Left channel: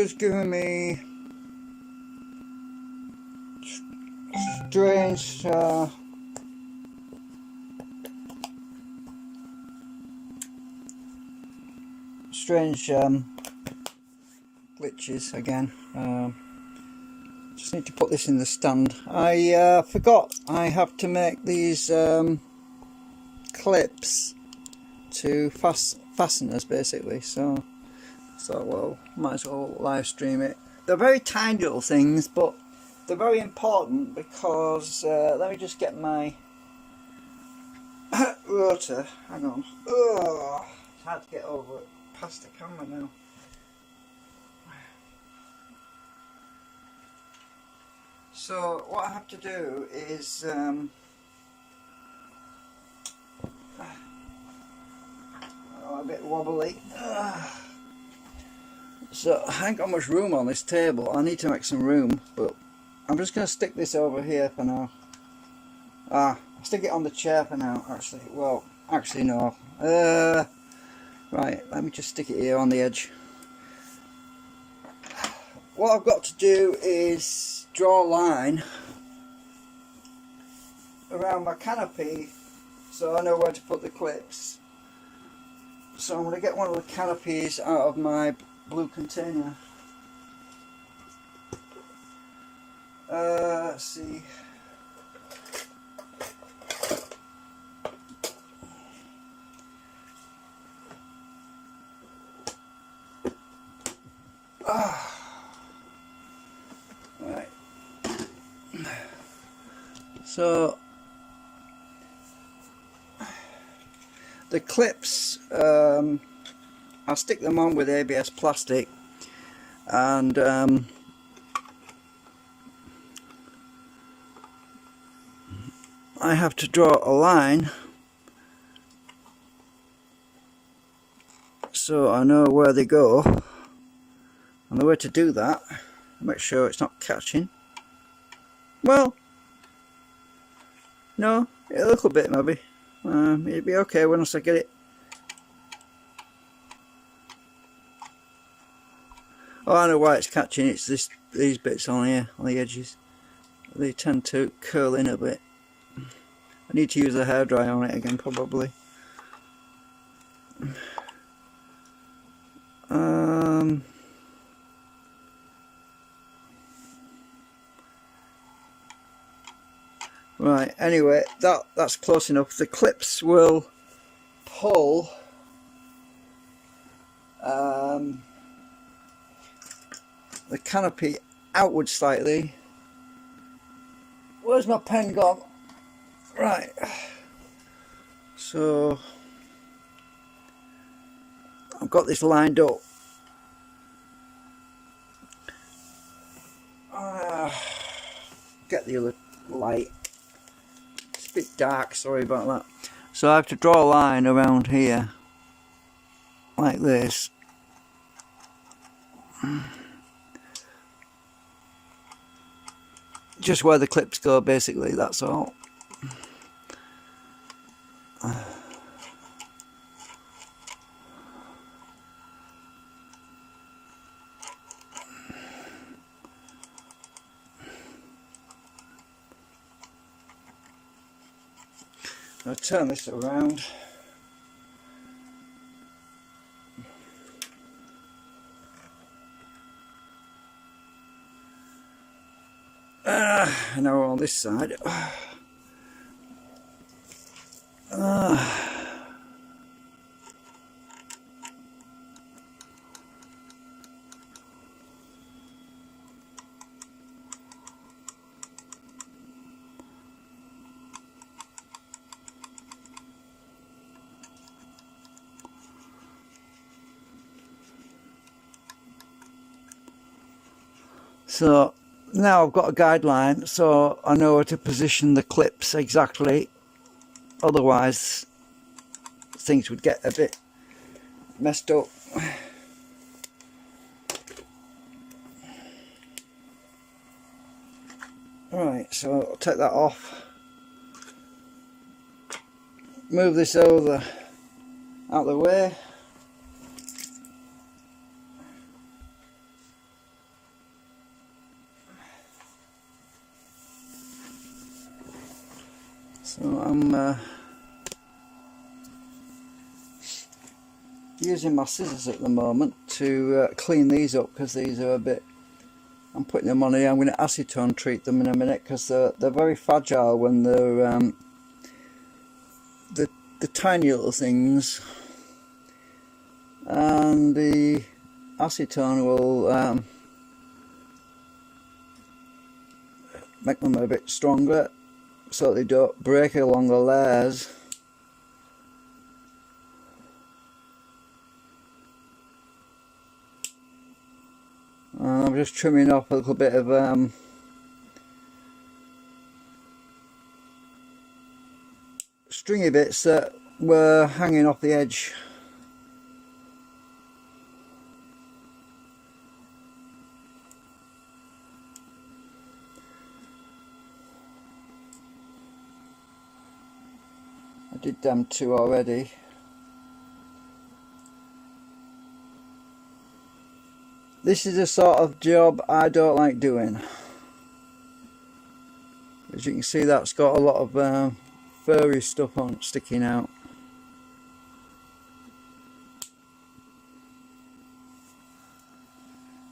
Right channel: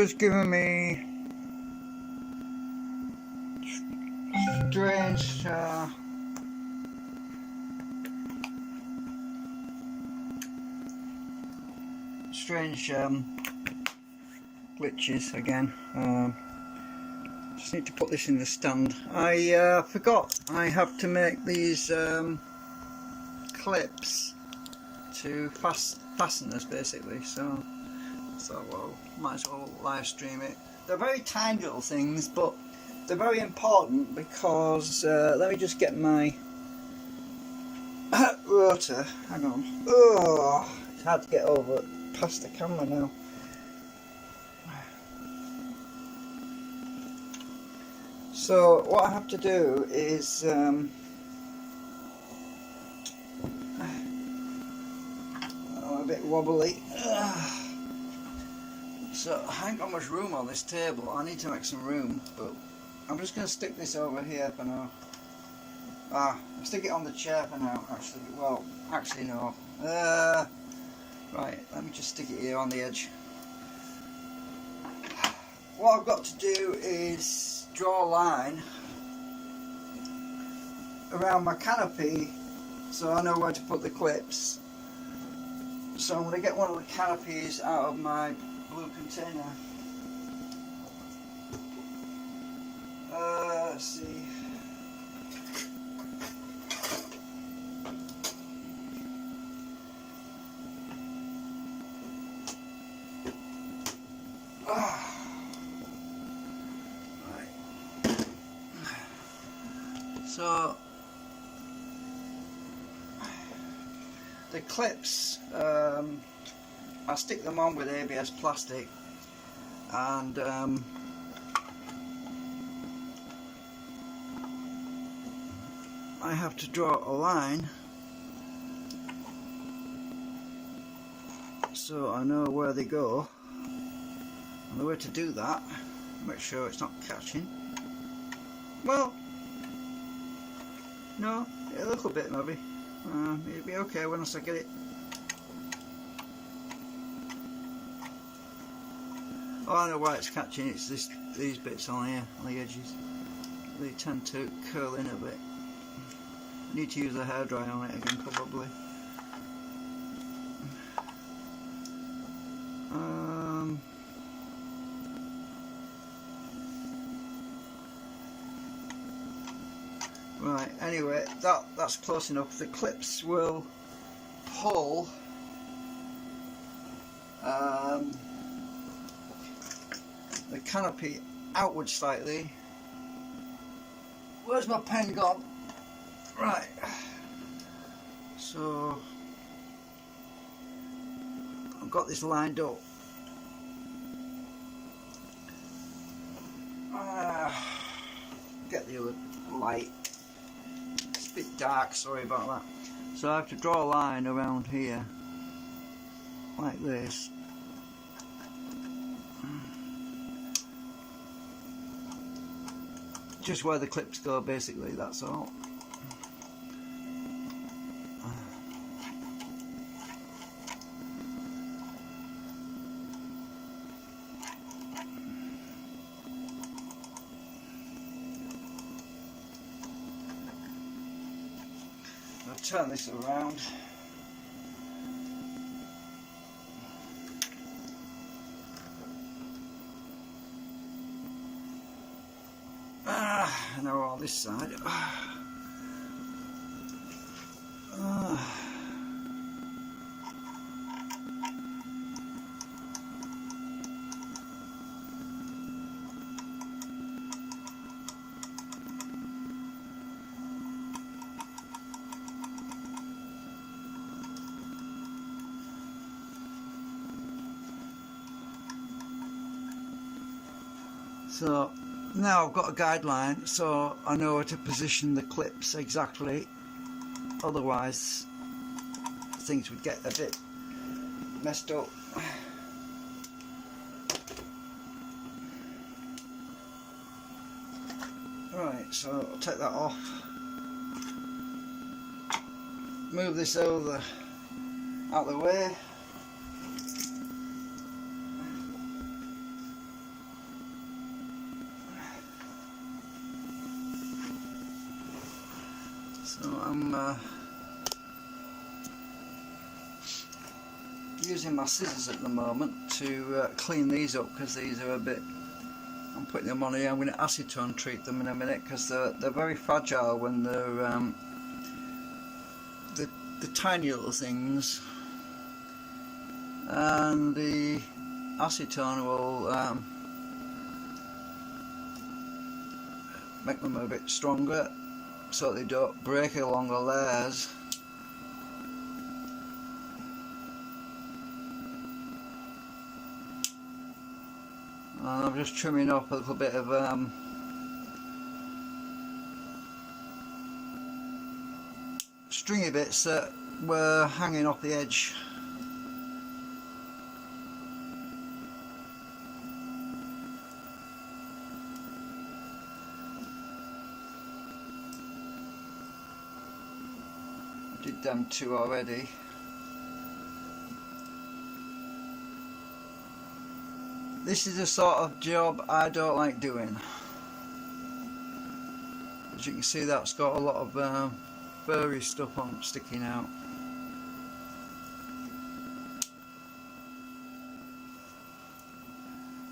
It's giving me strange glitches again. Just need to put this in the stand. I forgot I have to make these clips to fasteners basically, so well, might as well live stream it. They're very tiny little things, but they're very important because let me just get my rotor. Hang on. Oh, it's hard to get over past the camera now. So what I have to do is I'm a bit wobbly. So I ain't got much room on this table. I need to make some room, but I'm just going to stick this over here for now. I'll stick it on the chair for now, actually. Well, actually no. Right, let me just stick it here on the edge. What I've got to do is draw a line around my canopy so I know where to put the clips. So I'm going to get one of the canopies out of my blue container. Let's see. Right. So the clips, I'll stick them on with ABS plastic, and I have to draw a line so I know where they go, and the way to do that, make sure it's not catching. Well, no, a little bit maybe. It'll be okay once I get it. Oh, I know why it's catching. It's these bits on here, on the edges. They tend to curl in a bit. I need to use a hairdryer on it again, probably. Right. Anyway, that's close enough. The clips will pull. The canopy outward slightly. Where's my pen gone? Right. So I've got this lined up. Get the other light. It's a bit dark, sorry about that. So I have to draw a line around here, like this. Just where the clips go, basically, that's all. I'll turn this around. Now we're on this side. So now I've got a guideline, so I know where to position the clips exactly. Otherwise, things would get a bit messed up. Right, so I'll take that off. Move this over out of the way. So I'm using my scissors at the moment to clean these up, because these are a bit, I'm putting them on here. I'm going to acetone treat them in a minute, because they're very fragile when they're the tiny little things, and the acetone will make them a bit stronger so they don't break along the layers. And I'm just trimming off a little bit of stringy bits that were hanging off the edge. I did them two already. This is the sort of job I don't like doing. As you can see, that's got a lot of furry stuff on sticking out.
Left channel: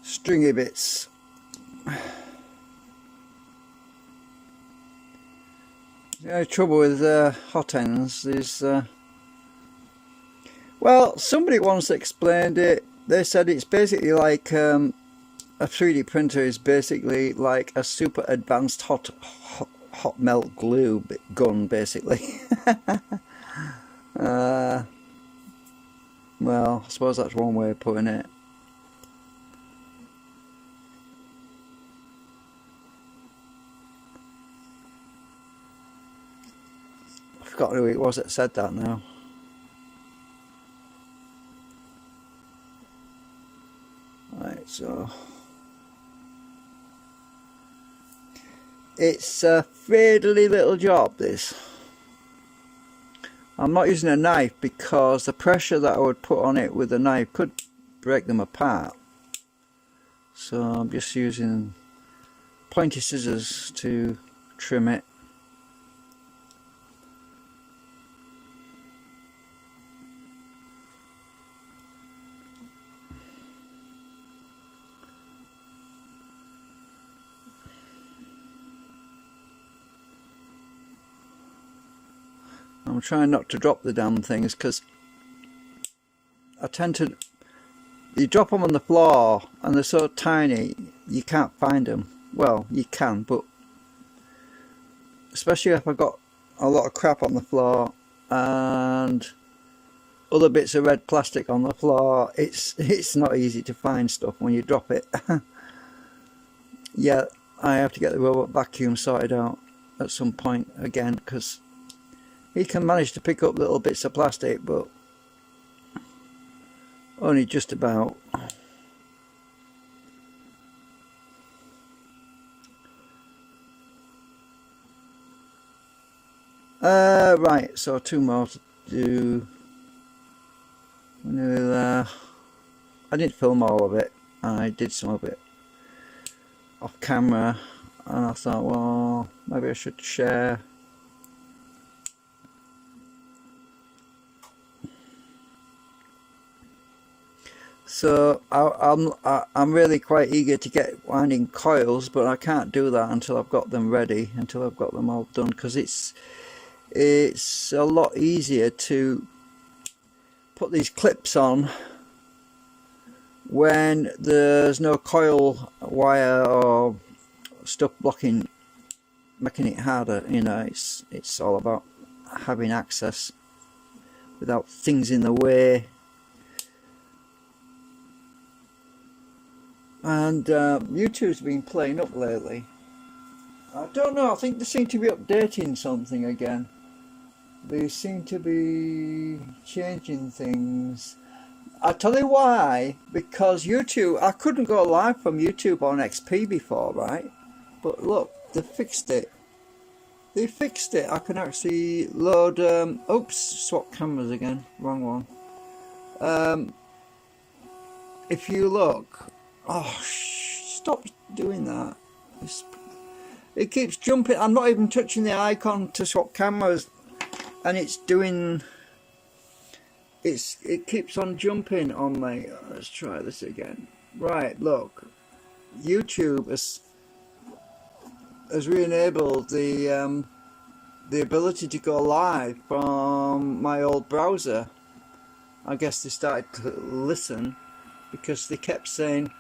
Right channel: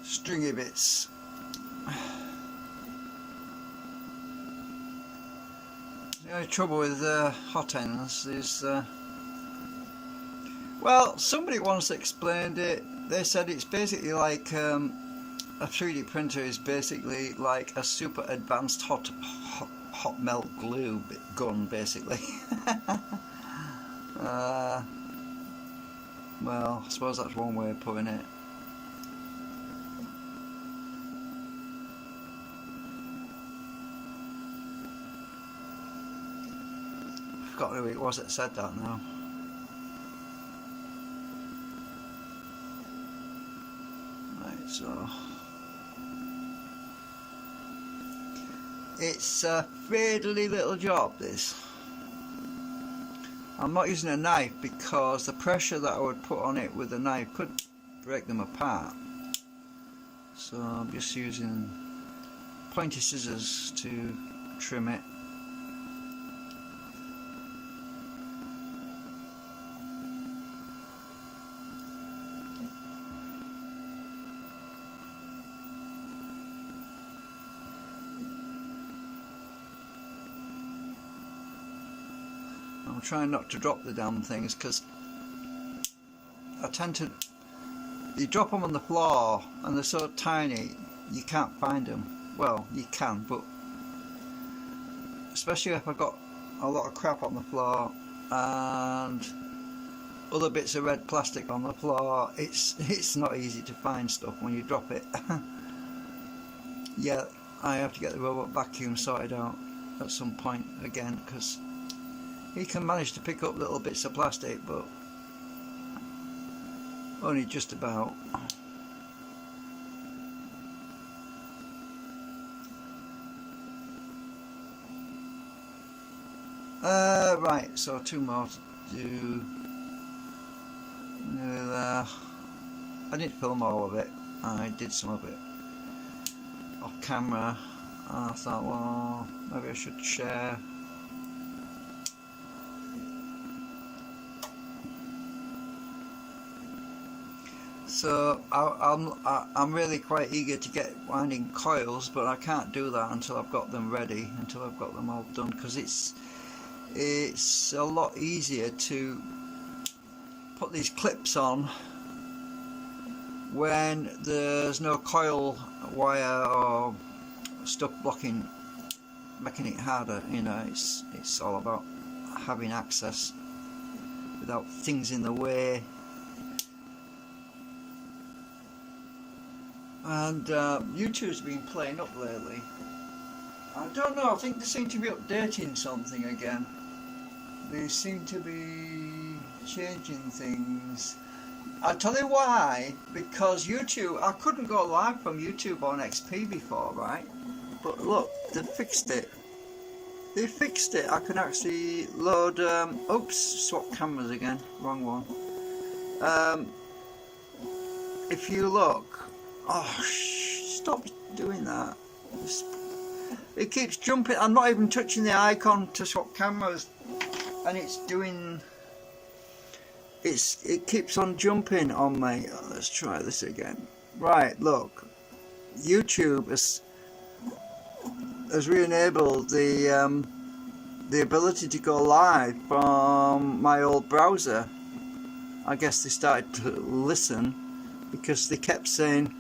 Stringy bits. The only trouble with hot ends is, well, somebody once explained it. They said it's basically like a 3D printer is basically like a super advanced hot melt glue gun, basically. Well, I suppose that's one way of putting it. I forgot who it was that said that now. Right, so it's a fiddly little job, this. I'm not using a knife because the pressure that I would put on it with a knife could break them apart. So I'm just using pointy scissors to trim it. I'm trying not to drop the damn things, because I tend to, you drop them on the floor and they're so tiny you can't find them. Well, you can, but especially if I've got a lot of crap on the floor and other bits of red plastic on the floor, it's not easy to find stuff when you drop it. Yeah, I have to get the robot vacuum sorted out at some point again, because he can manage to pick up little bits of plastic, but only just about. Right, so two more to do. I didn't film all of it. I did some of it off camera, and I thought, well, maybe I should share. So I'm really quite eager to get winding coils, but I can't do that until I've got them ready, until I've got them all done, because it's a lot easier to put these clips on when there's no coil wire or stuff blocking, making it harder. You know, it's all about having access without things in the way. And YouTube's been playing up lately. I don't know, I think they seem to be updating something again. They seem to be changing things. I'll tell you why. Because YouTube, I couldn't go live from YouTube on XP before, right? But look, they fixed it. They fixed it. I can actually load, oops, swap cameras again, wrong one. If you look, oh, stop doing that. It keeps jumping. I'm not even touching the icon to swap cameras, and it's doing. It keeps on jumping on me. Let's try this again. Right, look, YouTube has re-enabled the ability to go live from my old browser. I guess they started to listen because they kept saying,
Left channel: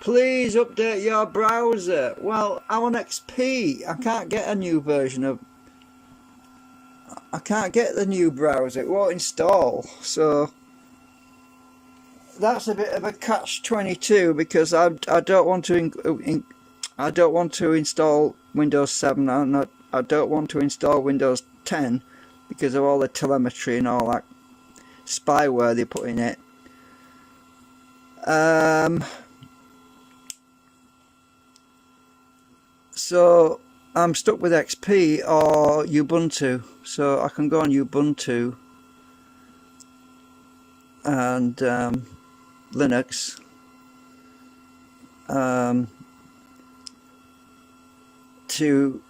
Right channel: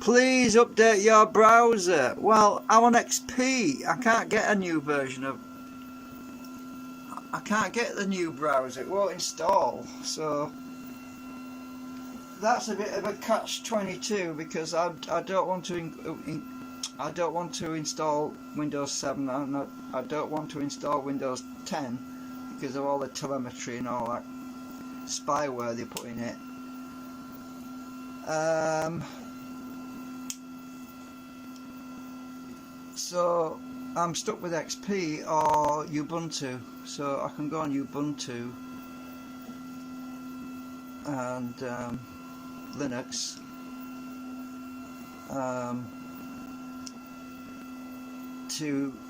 please update your browser. Well, I'm on XP. I can't get a new version of... I can't get the new browser. It won't install. So that's a bit of a catch-22 because I don't want to I don't want to install Windows 7. I don't want to install Windows 10 because of all the telemetry and all that spyware they put in it. So I'm stuck with XP or Ubuntu. So I can go on Ubuntu and Linux. To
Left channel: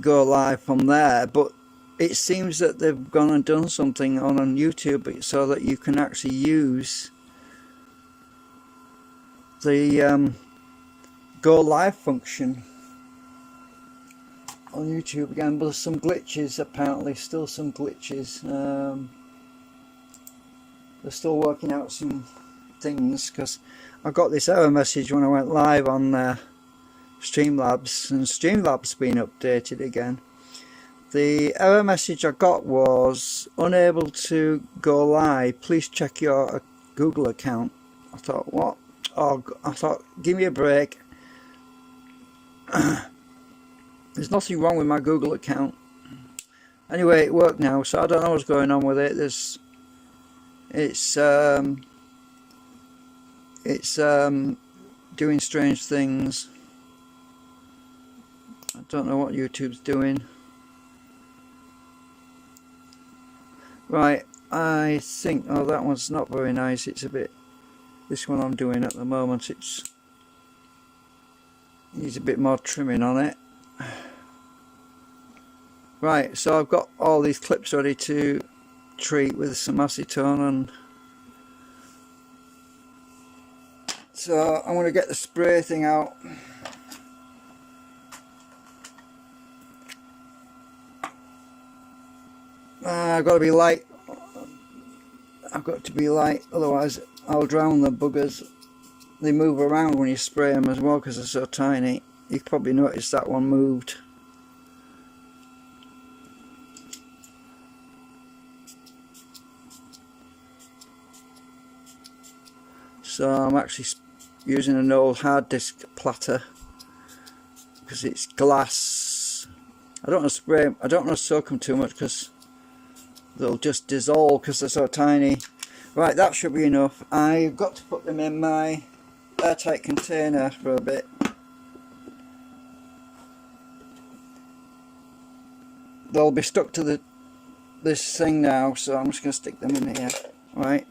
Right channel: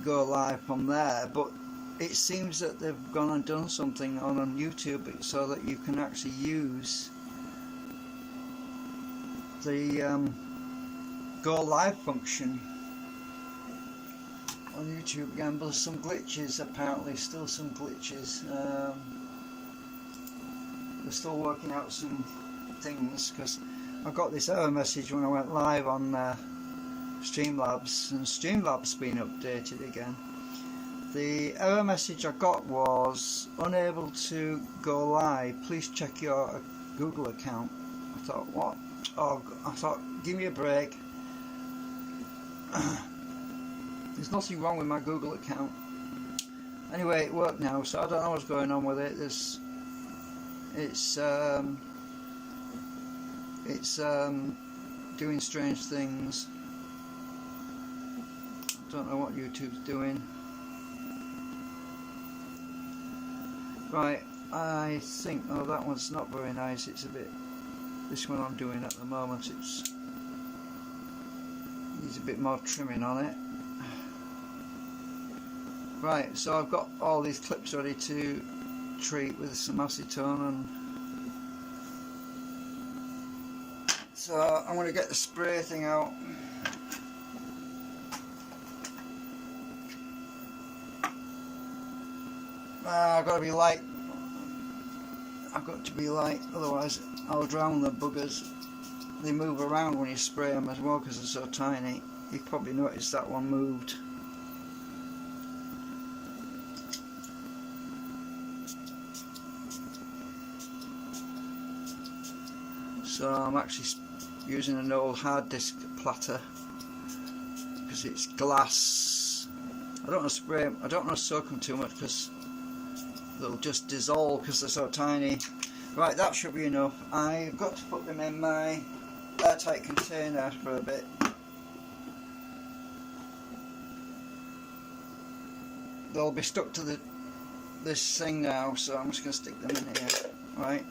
go live from there, but it seems that they've gone and done something on YouTube so that you can actually use the go live function on YouTube again. But there's some glitches, apparently, still some glitches. They're still working out some things because I got this error message when I went live on Streamlabs, and Streamlabs been updated again. The error message I got was unable to go live, please check your Google account. I thought, what? Oh, I thought, give me a break. There's nothing wrong with my Google account. Anyway, it worked now, so I don't know what's going on with it. It's doing strange things. I don't know what YouTube's doing. Right, I think, oh, that one's not very nice. It's a bit, this one I'm doing at the moment, needs a bit more trimming on it. Right, so I've got all these clips ready to treat with some acetone, and so I'm going to get the spray thing out. I've got to be light. I've got to be light, otherwise I'll drown the buggers. They move around when you spray them as well because they're so tiny. You probably noticed that one moved. So I'm actually using an old hard disk platter because it's glass. I don't want to spray them, I don't want to soak them too much because they'll just dissolve because they're so tiny. Right, that should be enough. I've got to put them in my airtight container for a bit. They'll be stuck to this thing now, so I'm just going to stick them in here. Right,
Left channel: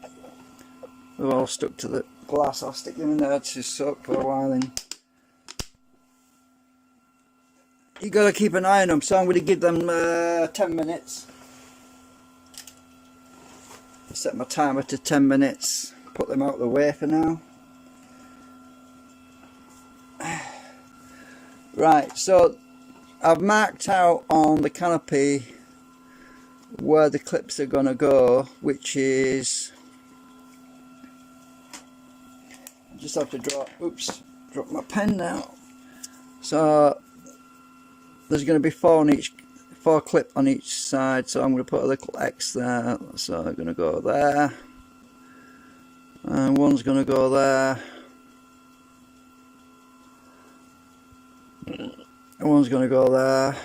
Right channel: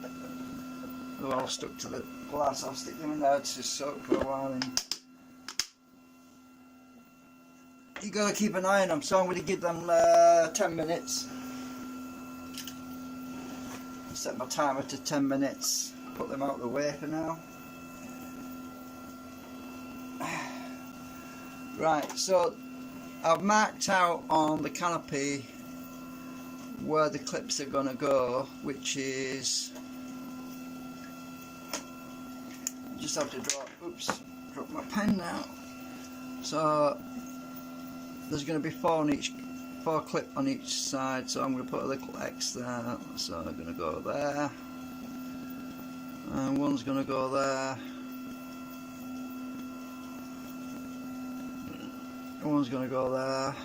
they're all stuck to the glass. I'll stick them in there to soak for a while. And you got to keep an eye on them, so I'm going to give them 10 minutes. Set my timer to 10 minutes. Put them out of the way for now. Right, so I've marked out on the canopy where the clips are going to go, which is, I just have to drop my pen now. So there's going to be four clip on each side, so I'm going to put a little X there, so they're going to go there, and one's going to go there, and one's going to go there,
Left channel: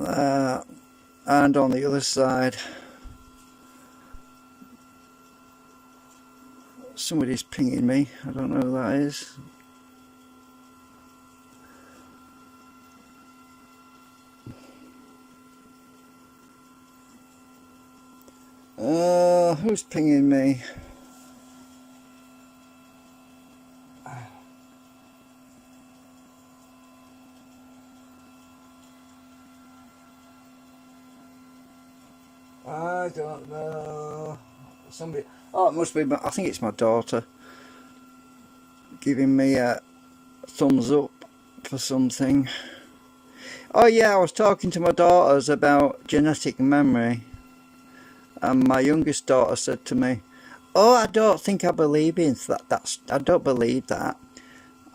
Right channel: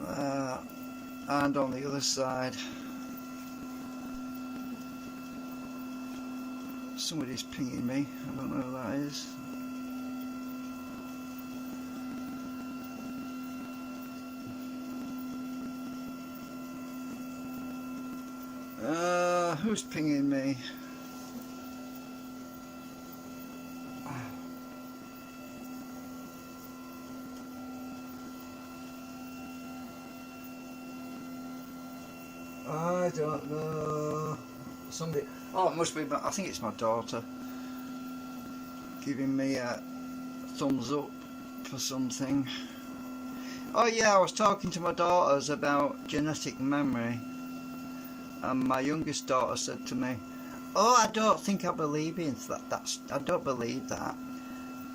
there, and on the other side. Somebody's pinging me, I don't know who that is. Who's pinging me? I don't know. Somebody. Oh, it must be. I think it's my daughter giving me a thumbs up for something. Oh yeah, I was talking to my daughters about genetic memory, and my youngest daughter said to me, "Oh, I don't think I believe in that. I don't believe that."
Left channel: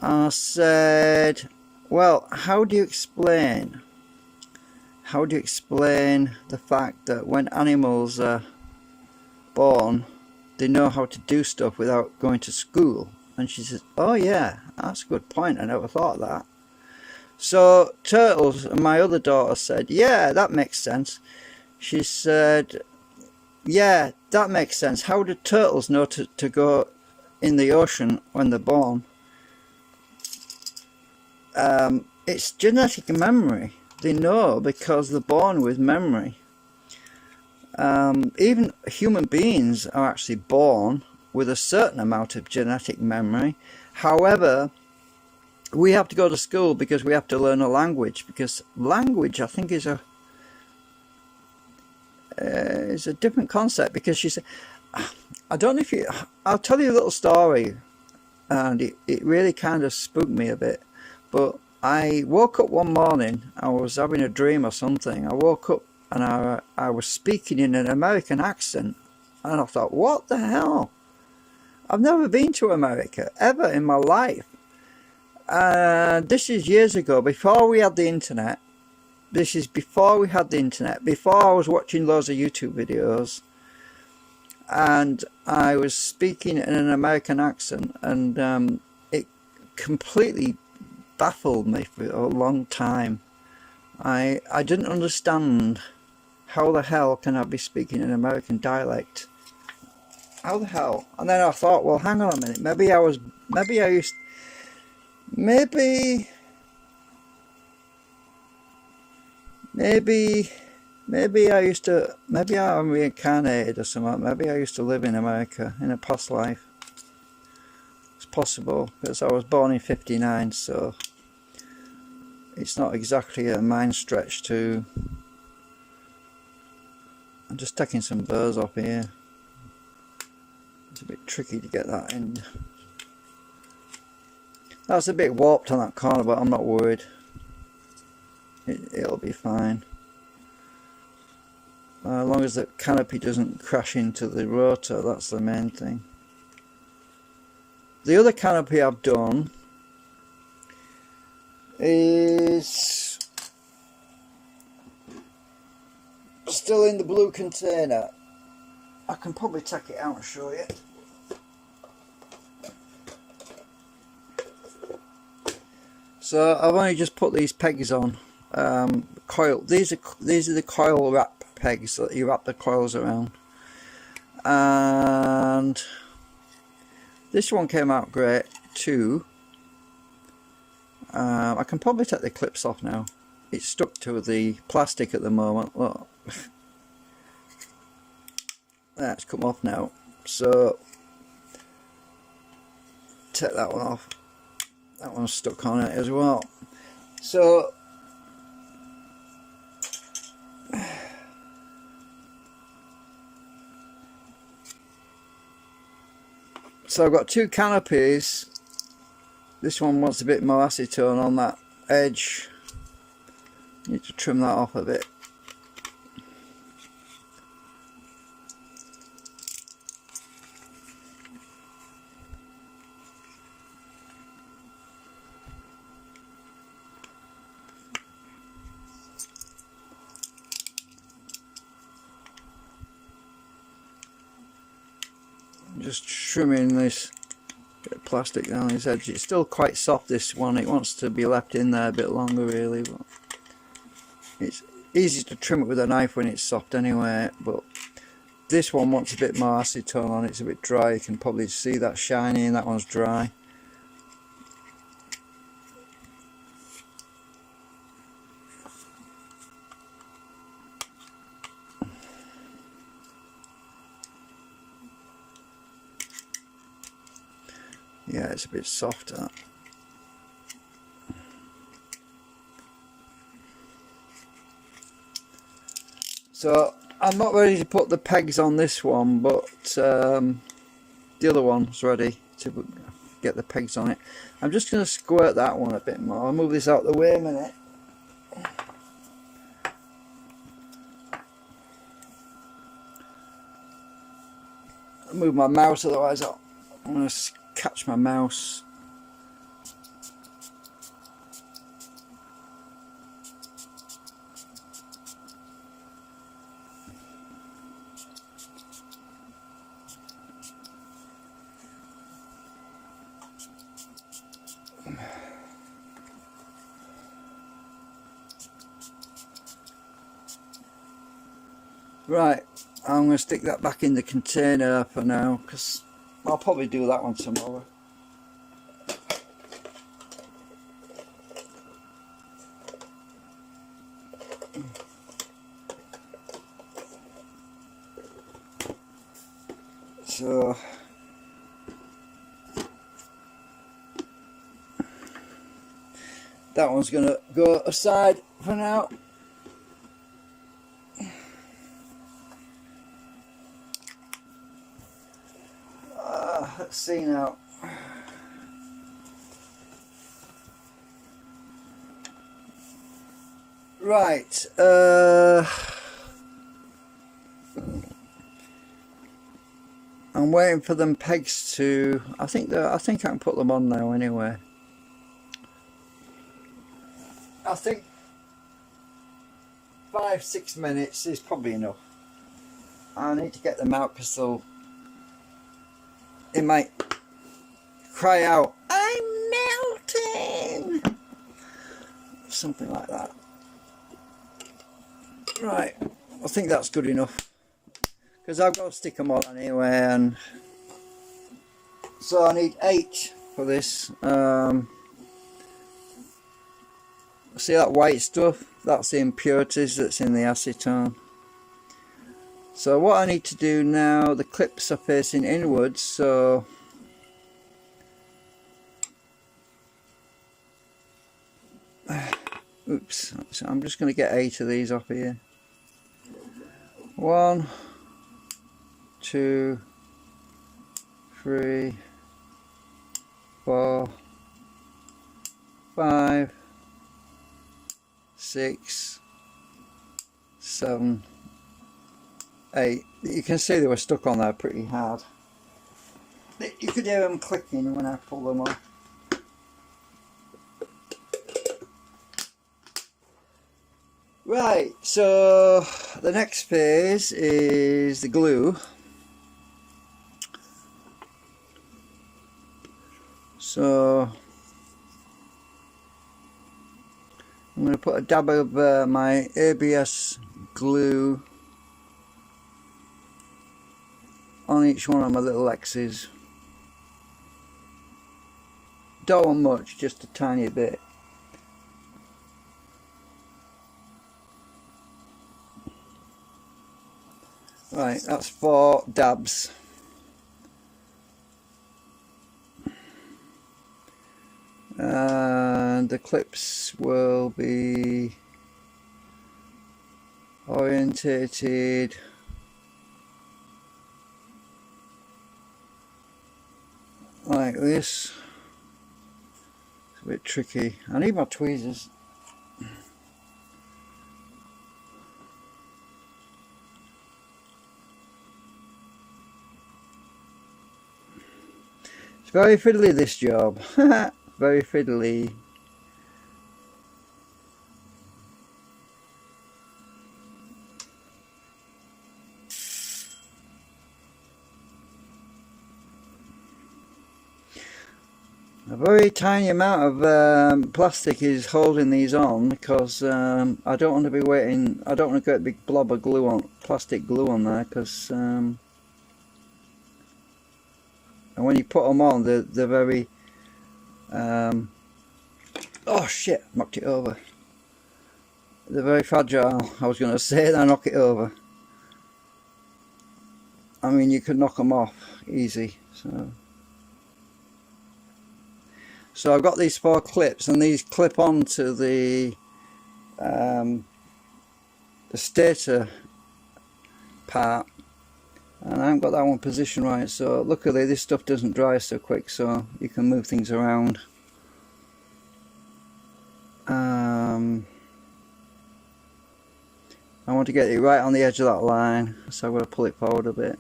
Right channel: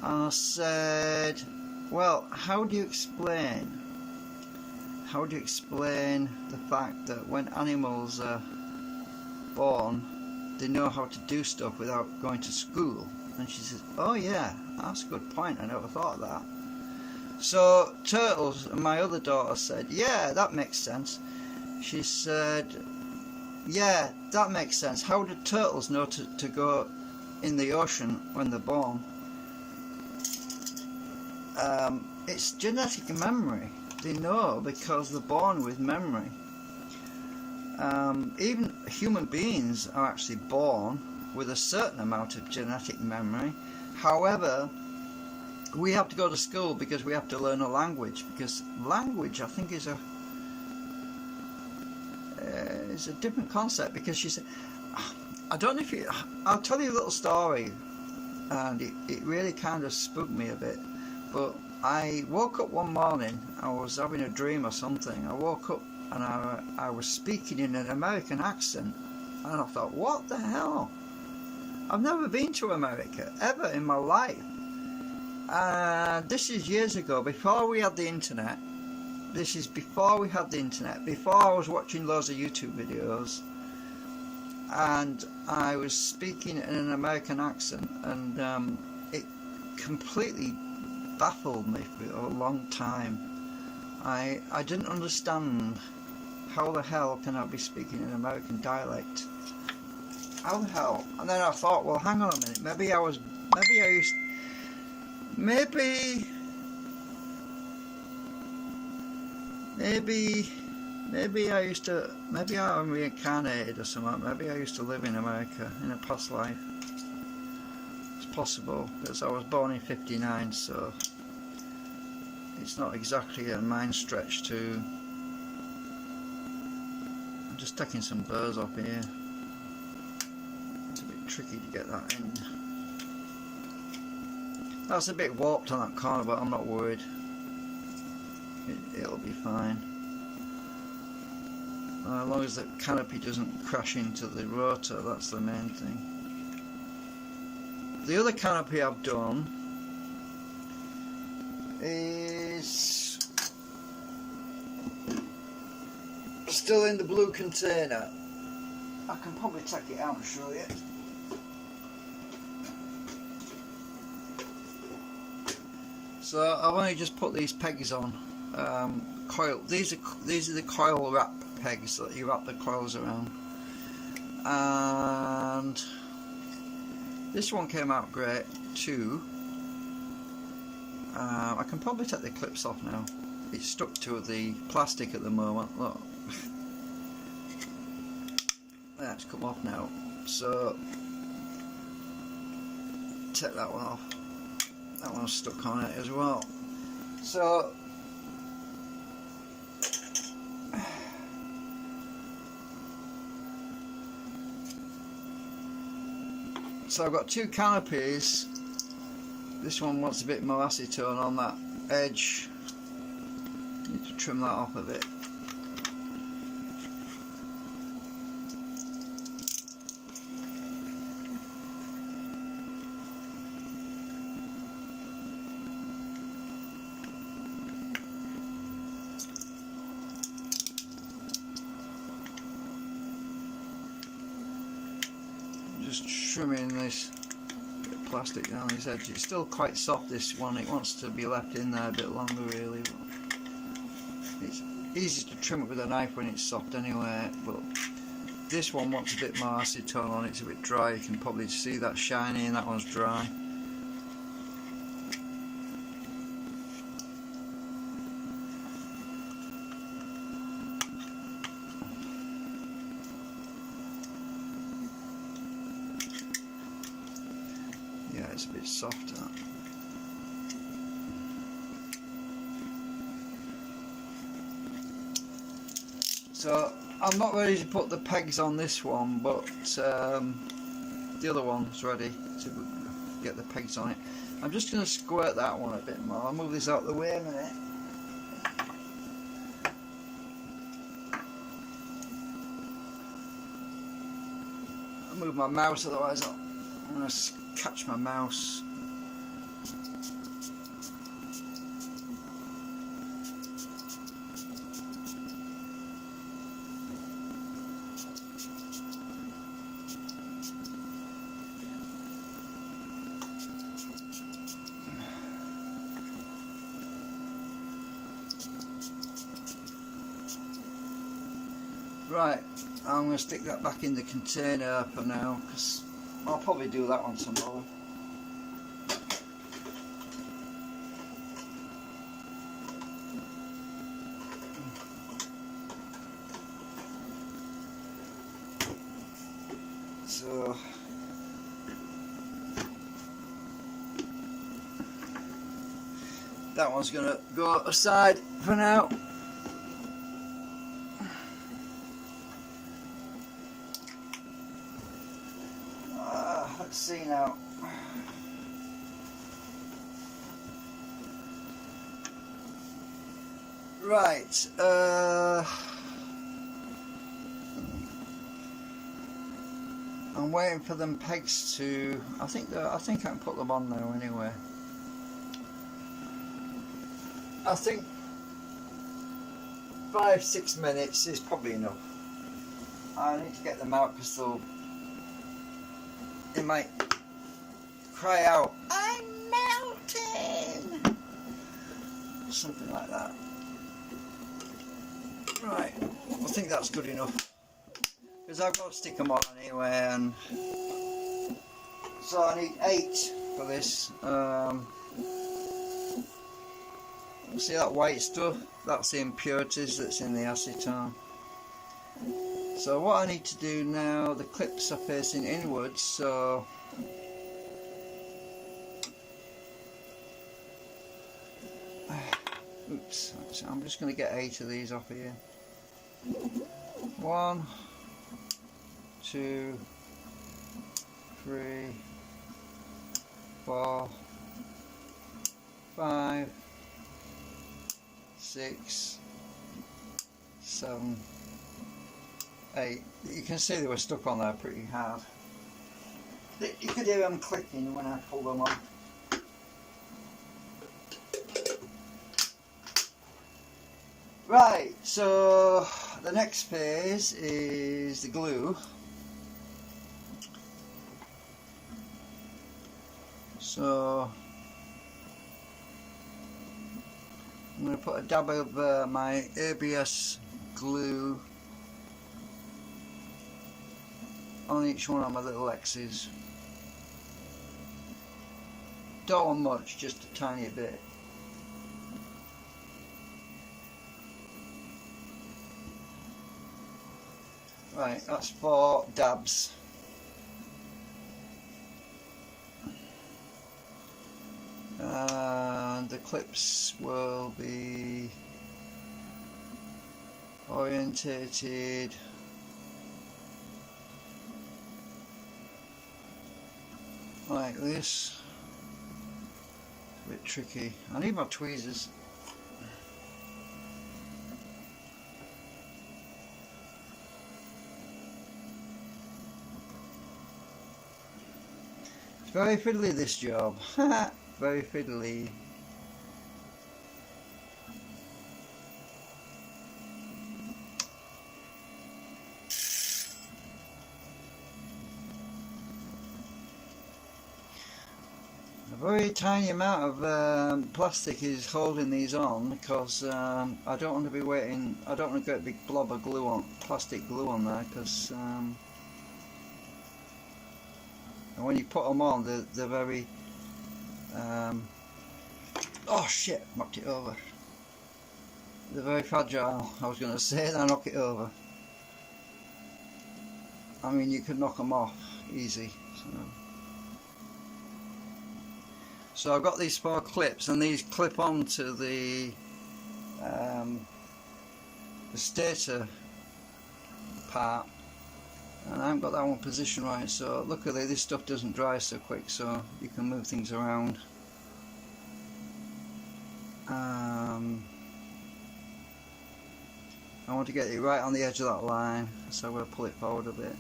And I said, "Well, how do you explain the fact that when animals are born, they know how to do stuff without going to school?" And she says, "Oh yeah, that's a good point. I never thought of that." So turtles, and my other daughter said, "Yeah, that makes sense." She said, "Yeah, that makes sense. How do turtles know to go in the ocean when they're born?" It's genetic memory. They know because they're born with memory. Even human beings are actually born with a certain amount of genetic memory. However, we have to go to school because we have to learn a language, because language, I think, is a different concept. Because she said, I don't know if you, I'll tell you a little story, and it really kind of spooked me a bit. But I woke up one morning, I was having a dream or something. I woke up and I was speaking in an American accent, and I thought, what the hell? I've never been to America ever in my life. This is years ago, before we had the internet. This is before we had the internet, before I was watching loads of YouTube videos, and I was speaking in an American accent, and it completely baffled me for a long time. I didn't understand how the hell can I be speaking an American dialect. How the hell? And then I thought, well, hang on a minute, maybe I'm reincarnated or something. Maybe I used to live in America in a past life. It's possible, because I was born in '59, so it's not exactly a mind stretch to... I'm just taking some burrs off here. It's a bit tricky to get that in. That's a bit warped on that corner, but I'm not worried. It'll be fine. As long as the canopy doesn't crash into the rotor, that's the main thing. The other canopy I've done is still in the blue container. I can probably take it out and show you. So I've only just put these pegs on. Coil. These are the coil wrap pegs that you wrap the coils around. And this one came out great too. I can probably take the clips off now. It's stuck to the plastic at the moment. Look, that's come off now. So take that one off. That one's stuck on it as well. So I've got two canopies. This one wants a bit more acetone on that edge. Need to trim that off a bit. Just trimming this bit of plastic down his edge. It's still quite soft, this one. It wants to be left in there a bit longer really, but it's easy to trim it with a knife when it's soft anyway. But this one wants a bit more acetone on it. It's a bit dry. You can probably see that shiny and that one's dry. Yeah, it's a bit softer. So I'm not ready to put the pegs on this one, but the other one's ready to get the pegs on it. I'm just going to squirt that one a bit more. I'll move this out the way a minute. I'll move my mouse, otherwise I'm going to catch my mouse. Right, I'm going to stick that back in the container for now, because I'll probably do that one tomorrow. So that one's going to go aside for now. Let's see now. Right. I'm waiting for them pegs to. I think I can put them on now anyway. I think 5-6 minutes is probably enough. I need to get them out because it might cry out, "I'm melting!" Something like that. Right, I think that's good enough, because I've got to stick them on anyway, and so I need 8 for this. See that white stuff? That's the impurities that's in the acetone. So what I need to do now, the clips are facing inwards, so oops, so I'm just going to get 8 of these off here. 1, 2, 3, 4, 5, 6, 7, 8. You can see they were stuck on there pretty hard. You could hear them clicking when I pull them off. Right, so the next phase is the glue. So I'm going to put a dab of my ABS glue on each one of my little X's. Don't want much, just a tiny bit. Right, that's 4 dabs. And the clips will be orientated like this. It's a bit tricky. I need my tweezers. It's very fiddly, this job. Very fiddly. A very tiny amount of plastic is holding these on, because I don't want to be waiting. I don't want to get a big blob of glue on, plastic glue on there, because and when you put them on, they're very oh shit, knocked it over. They're very fragile. I was going to say that I knock it over. I mean, you could knock them off easy. So I've got these 4 clips, and these clip onto the stator part, and I haven't got that one positioned right, so luckily this stuff doesn't dry so quick, so you can move things around. I want to get it right on the edge of that line, so I'm going to pull it forward a bit.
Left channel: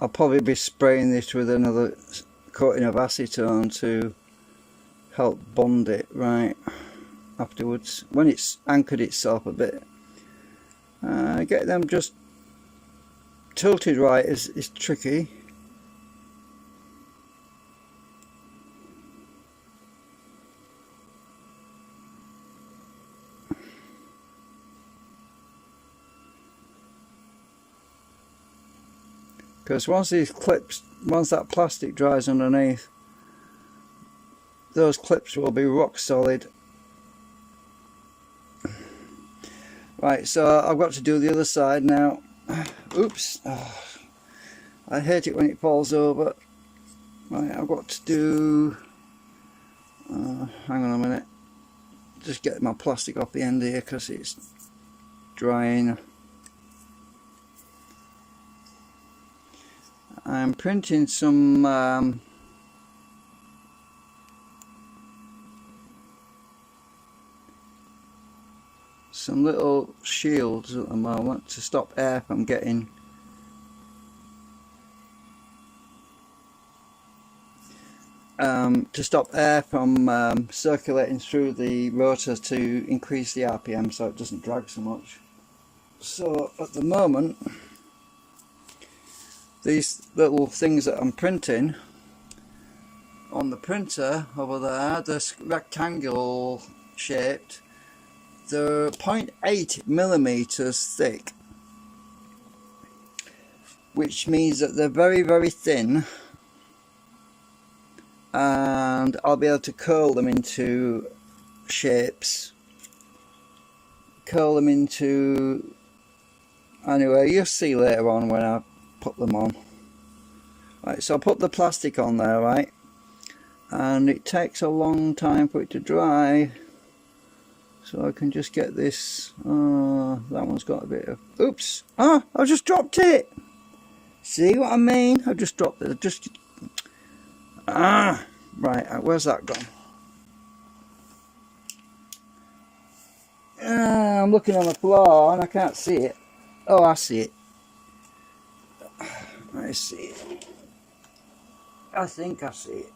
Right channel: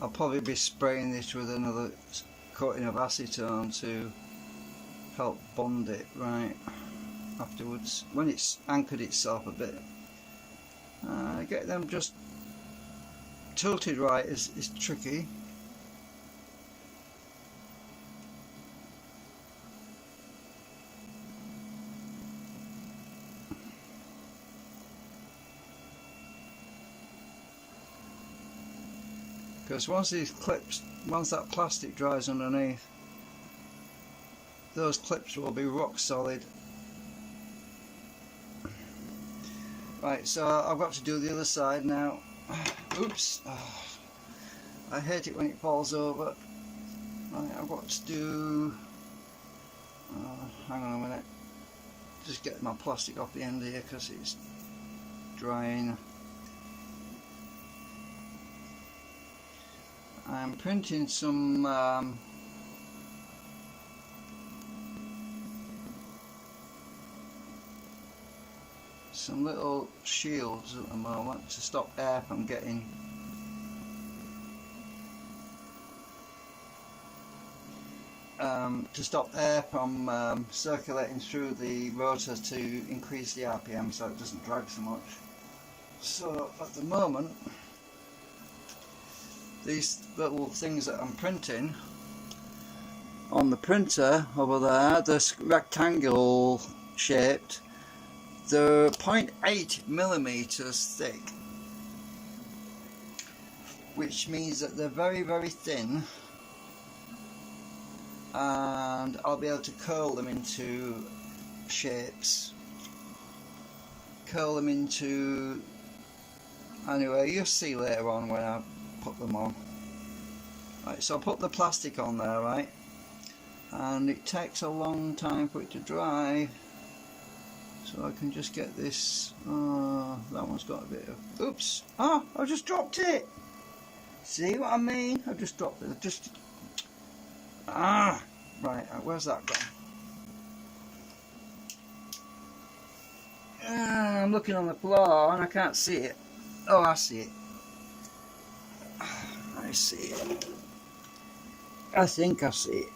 I'll probably be spraying this with another coating of acetone to help bond it right afterwards when it's anchored itself a bit. Get them just tilted right is tricky. Because once that plastic dries underneath, those clips will be rock solid. Right, so I've got to do the other side now. Oops, I hate it when it falls over. Right, I've got to do, hang on a minute, just get my plastic off the end here because it's drying. I'm printing some little shields at the moment to stop air from getting circulating through the rotor to increase the RPM so it doesn't drag so much. So at the moment, these little things that I'm printing on the printer over there, they're rectangle shaped. They're 0.8 millimeters thick, which means that they're very, very thin, and I'll be able to curl them into shapes. Anyway, you'll see later on when I put them on. Right, so I put the plastic on there, right, and it takes a long time for it to dry, so I can just get this. That one's got a bit of, oops, I just dropped it. See what I mean? I just dropped it. Right, where's that gone? I'm looking on the floor and I can't see it. Oh, I see it. I see it. I think I see it.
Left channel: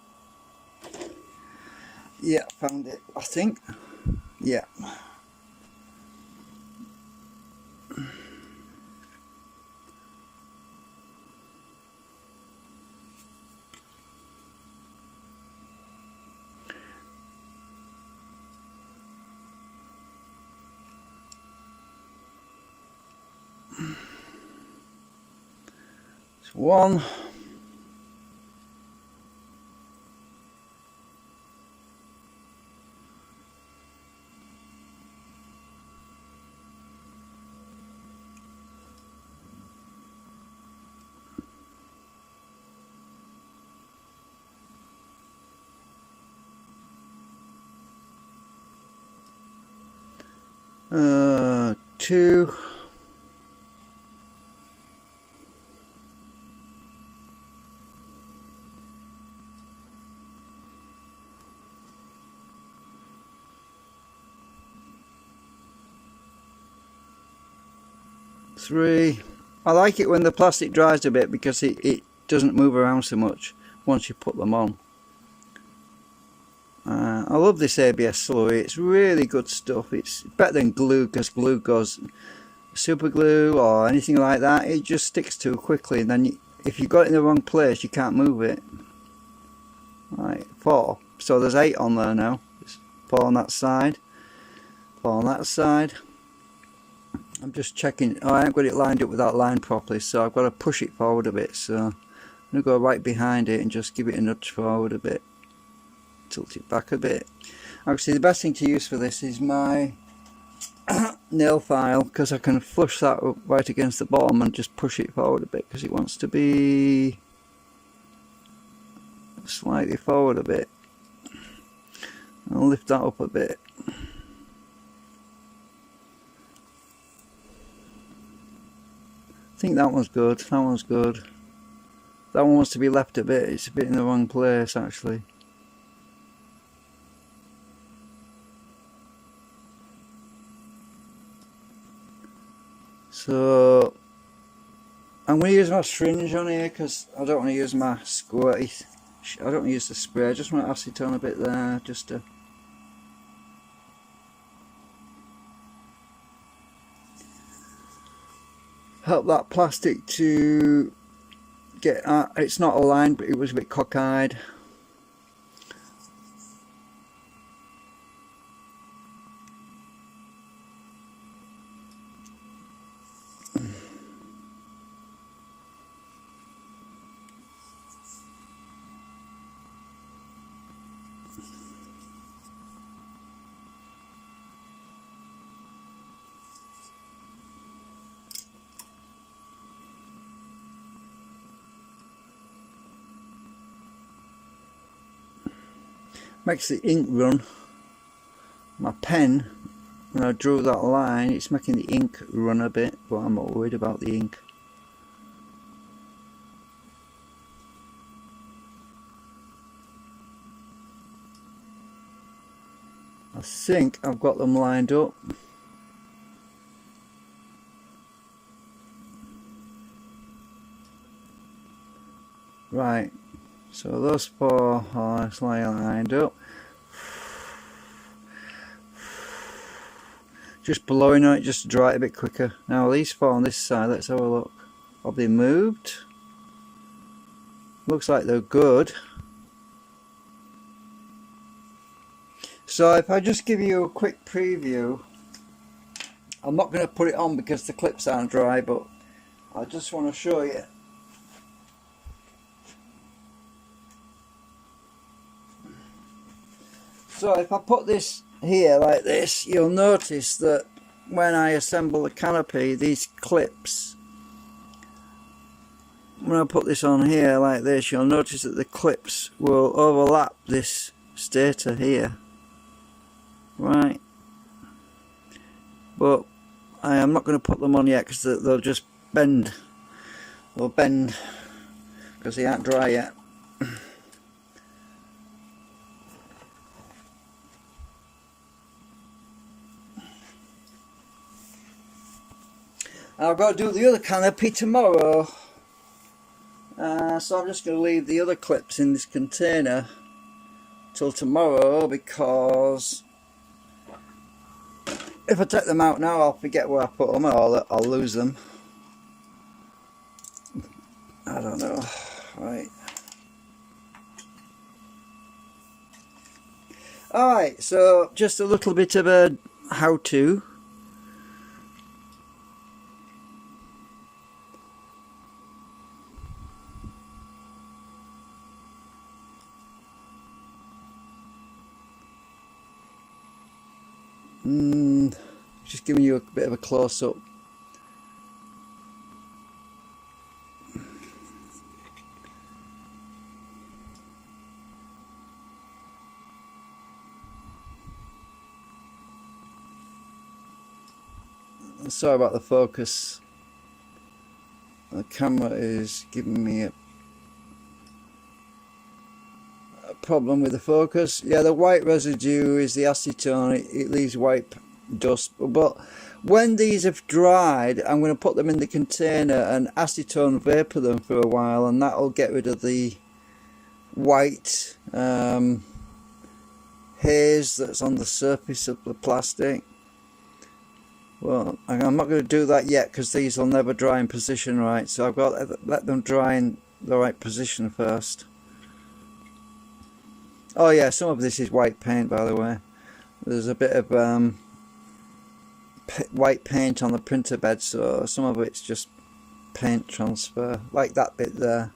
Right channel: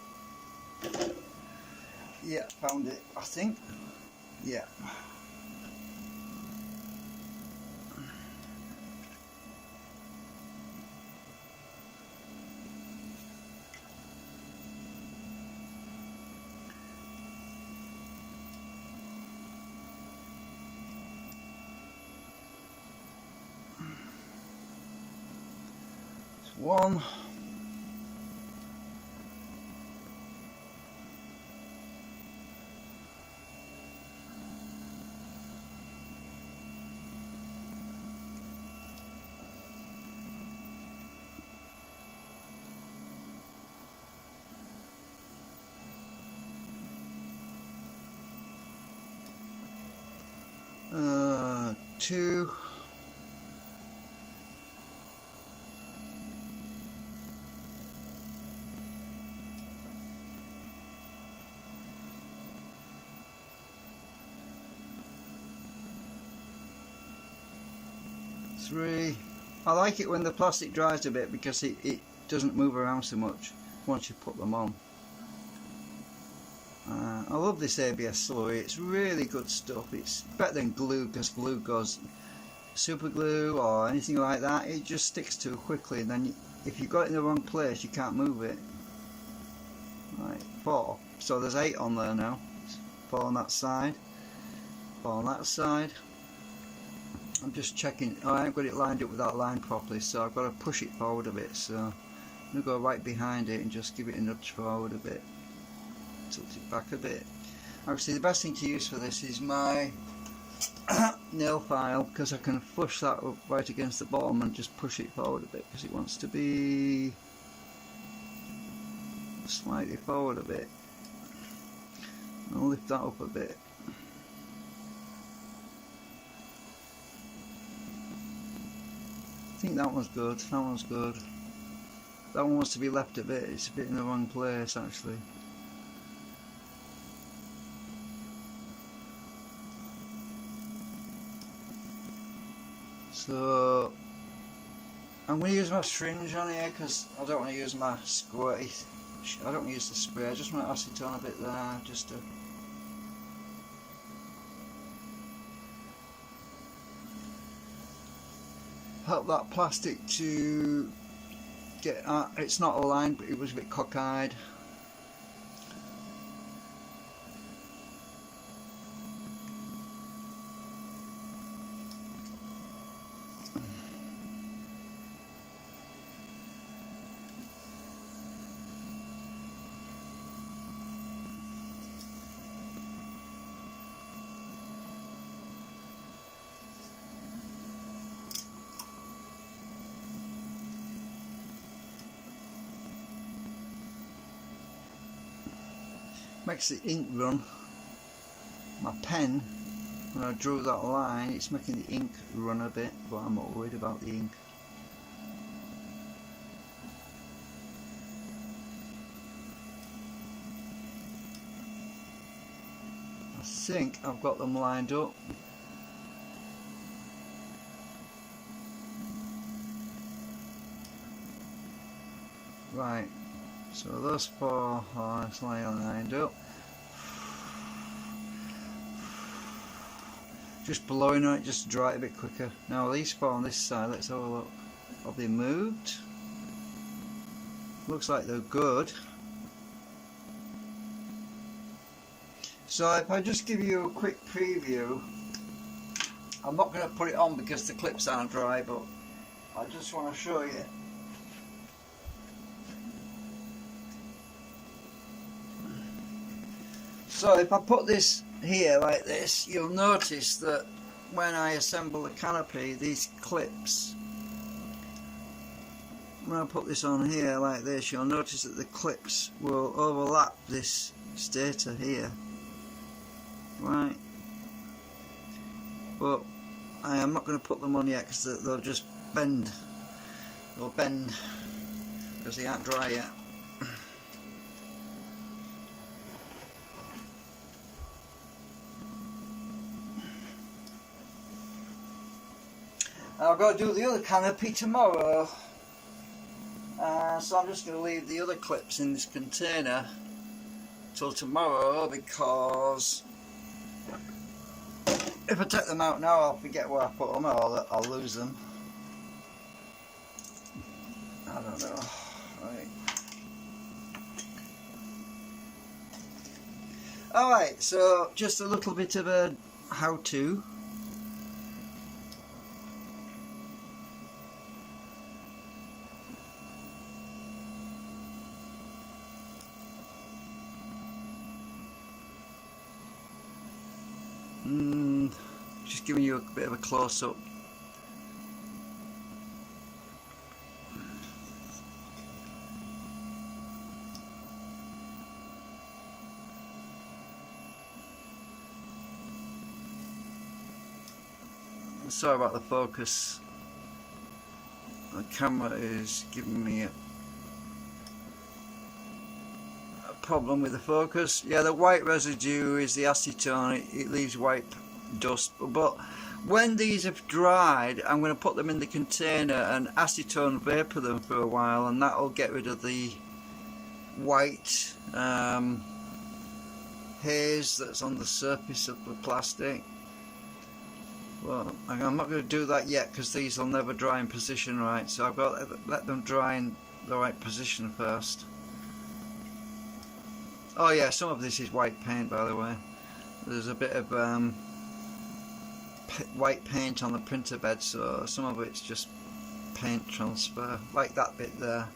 Yeah, found it, I think. Yeah. It's one. Two. Three. I like it when the plastic dries a bit because it doesn't move around so much once you put them on. I love this ABS slurry. It's really good stuff. It's better than glue, because glue goes, super glue or anything like that, it just sticks too quickly, and then if you got it in the wrong place you can't move it. Right, 4. So there's 8 on there now. It's 4 on that side, 4 on that side. I'm just checking. I haven't got it lined up with that line properly, so I've got to push it forward a bit. So I'm going to go right behind it and just give it a nudge forward a bit. Tilt it back a bit. Actually, the best thing to use for this is my nail file, because I can flush that up right against the bottom and just push it forward a bit, because it wants to be slightly forward a bit. I'll lift that up a bit. I think that one's good, that one's good. That one wants to be left a bit, it's a bit in the wrong place actually. So I'm going to use my syringe on here because I don't want to use my squirty. I don't want to use the spray, I just want to acetone a bit there just to help that plastic to get it's not aligned, but it was a bit cockeyed. Makes the ink run. My pen, when I drew that line, it's making the ink run a bit, but I'm not worried about the ink. I think I've got them lined up. Right, so those four are lined up. Just blowing on it just to dry it a bit quicker. Now these four on this side, let's have a look. Have they moved? Looks like they're good. So if I just give you a quick preview, I'm not going to put it on because the clips aren't dry, but I just want to show you. So if I put this here like this, you'll notice that when I assemble the canopy, these clips, when I put this on here like this, you'll notice that the clips will overlap this stator here, right? But I am not going to put them on yet because they'll just bend. They'll bend because they aren't dry yet. I've got to do the other canopy tomorrow, so I'm just going to leave the other clips in this container till tomorrow, because if I take them out now I'll forget where I put them, or I'll lose them. I don't know. Right. Alright, so just a little bit of a how-to. Just giving you a bit of a close-up. Sorry about the focus. The camera is giving me a problem with the focus. Yeah, the white residue is the acetone. It leaves white dust, but when these have dried, I'm going to put them in the container and acetone vapor them for a while, and that'll get rid of the white haze that's on the surface of the plastic. Well, I'm not going to do that yet because these will never dry in position right, so I've got to let them dry in the right position first. Oh yeah, some of this is white paint, by the way. There's a bit of white paint on the printer bed, so some of it's just paint transfer, like that bit there.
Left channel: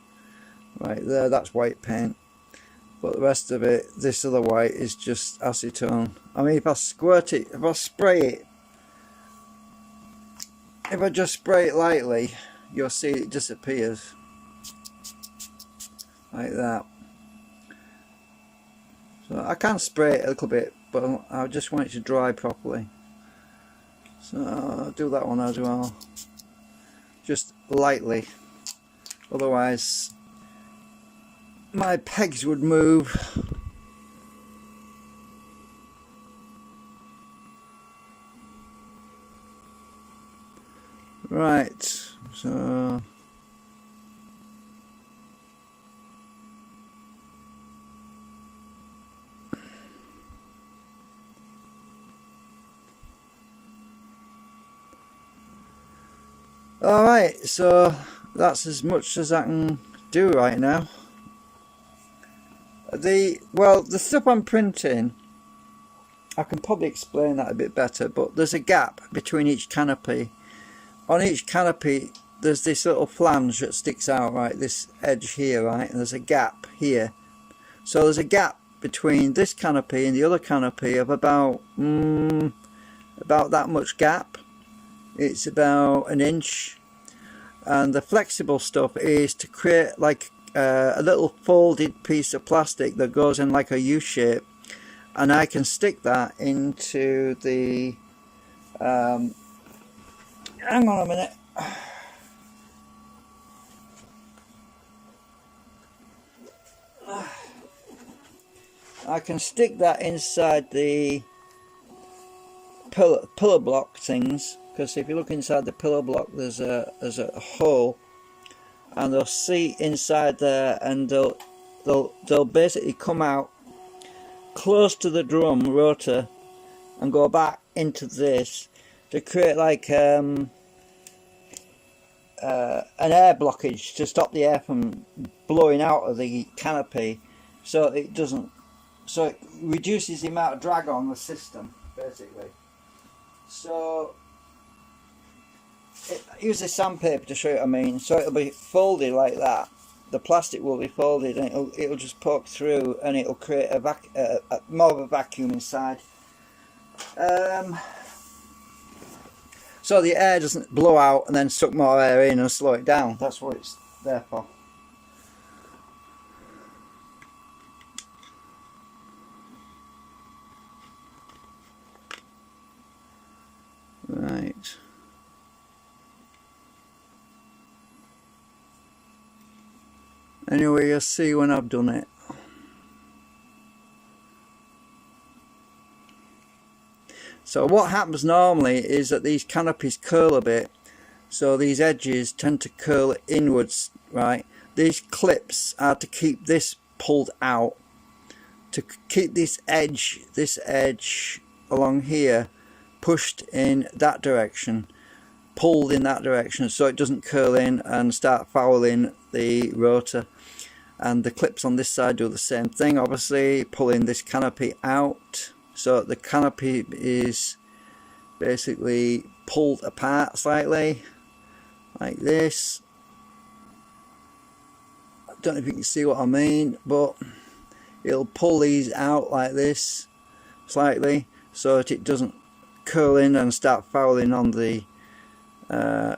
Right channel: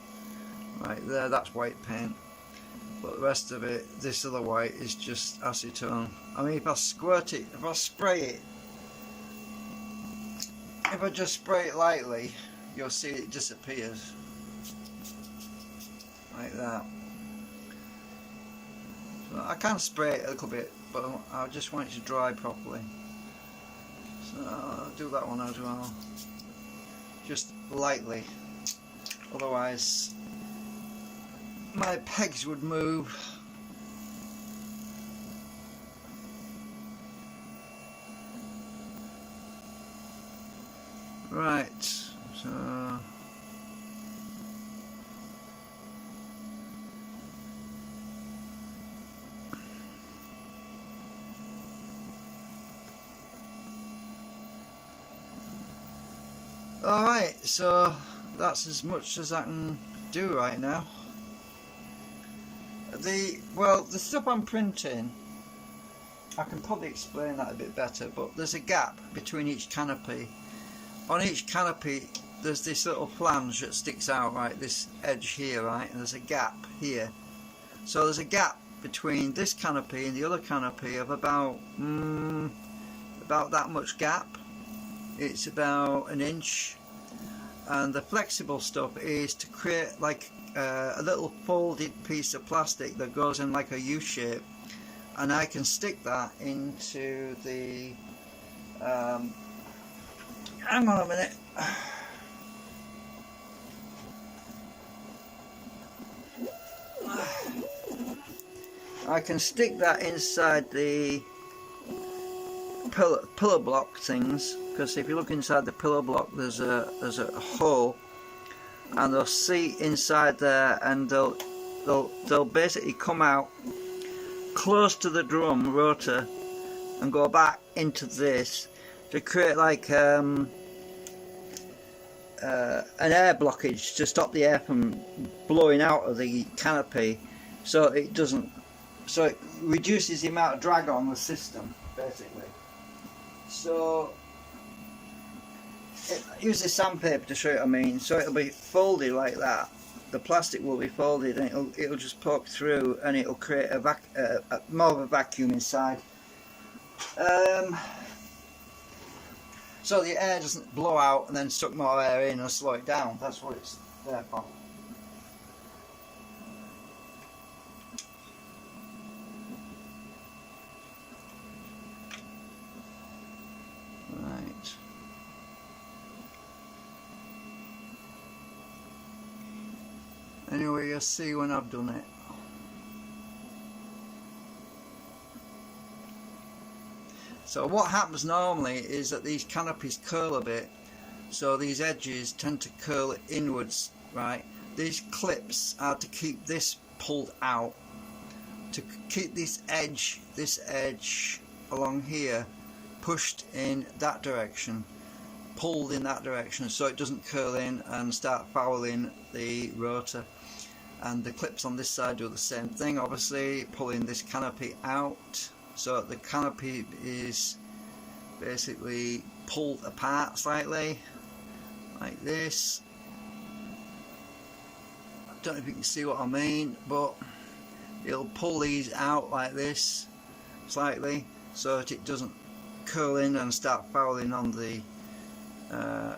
Right there, that's white paint. but the rest of it, this other white, is just acetone. I mean, if I squirt it, if I spray it, if I just spray it lightly, you'll see it disappears like that. So I can spray it a little bit, but I just want it to dry properly. So I'll do that one as well, just lightly, otherwise my pegs would move. Right, so alright, so that's as much as I can do right now. The stuff I'm printing, I can probably explain that a bit better, but there's a gap between each canopy. On each canopy there's this little flange that sticks out, right, this edge here, right, and there's a gap here. So there's a gap between this canopy and the other canopy of about that much gap. It's about an inch, and the flexible stuff is to create like a little folded piece of plastic that goes in like a U shape, and I can stick that into the hang on a minute. I can stick that inside the pillar block things, because if you look inside the pillar block there's a hole, and they'll see inside there, and they'll basically come out close to the drum rotor and go back into this to create like an air blockage to stop the air from blowing out of the canopy, so it reduces the amount of drag on the system basically. So use the sandpaper to show you what I mean. So it'll be folded like that. The plastic will be folded, and it'll just poke through, and it'll create more of a vacuum inside. So the air doesn't blow out and then suck more air in and slow it down. That's what it's there for. Right. Anyway, you'll see when I've done it. So what happens normally is that these canopies curl a bit, so these edges tend to curl inwards, right? These clips are to keep this pulled out, to keep this edge along here pushed in that direction, pulled in that direction, so it doesn't curl in and start fouling the rotor. And the clips on this side do the same thing, obviously, pulling this canopy out, so the canopy is basically pulled apart slightly like this. I don't know if you can see what I mean, but it'll pull these out like this slightly so that it doesn't curl in and start fouling on the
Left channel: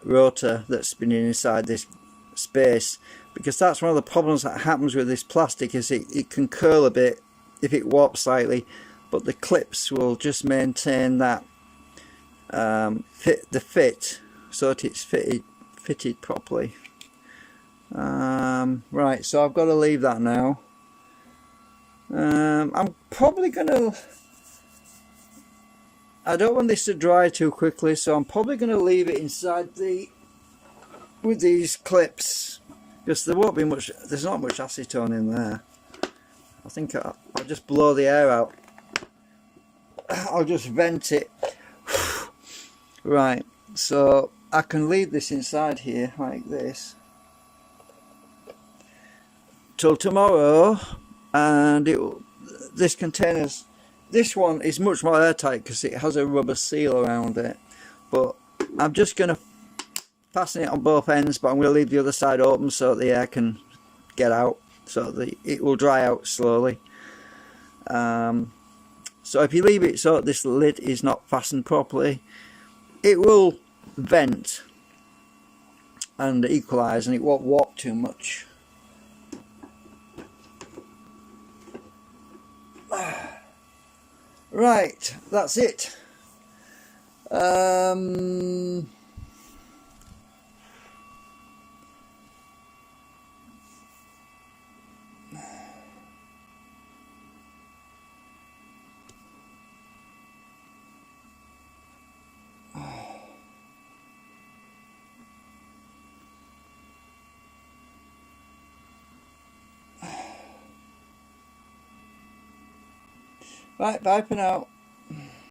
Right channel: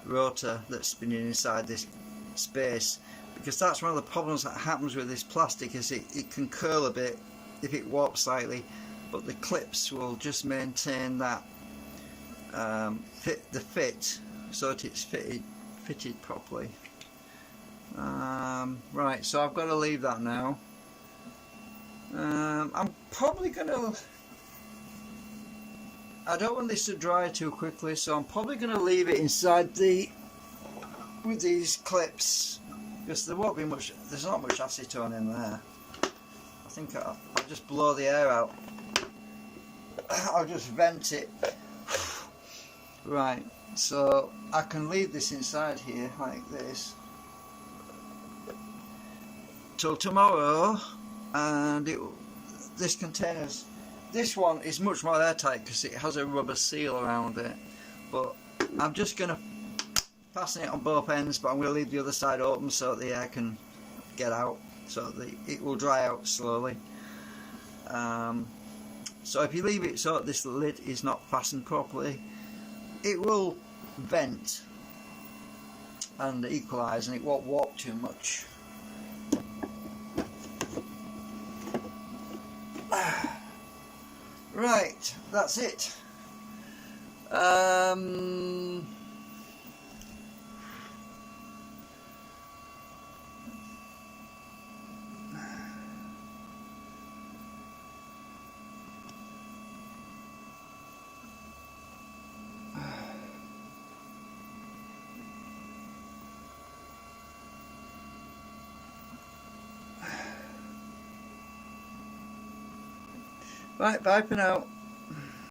rotor that's spinning inside this space, because that's one of the problems that happens with this plastic, is it can curl a bit if it warps slightly, but the clips will just maintain that fit so that it's fitted properly. Right, so I've got to leave that now. I'm probably gonna, I don't want this to dry too quickly, so I'm probably going to leave it inside with these clips, because there won't be much, there's not much acetone in there. I think I'll just blow the air out. I'll just vent it. Right, so I can leave this inside here like this till tomorrow, and this container's, this one is much more airtight because it has a rubber seal around it, but I'm just going to fasten it on both ends, but I'm going to leave the other side open so that the air can get out. so it will dry out slowly. So if you leave it so this lid is not fastened properly, it will vent and equalise, and it won't warp too much. Right, that's it. Right, bye for now.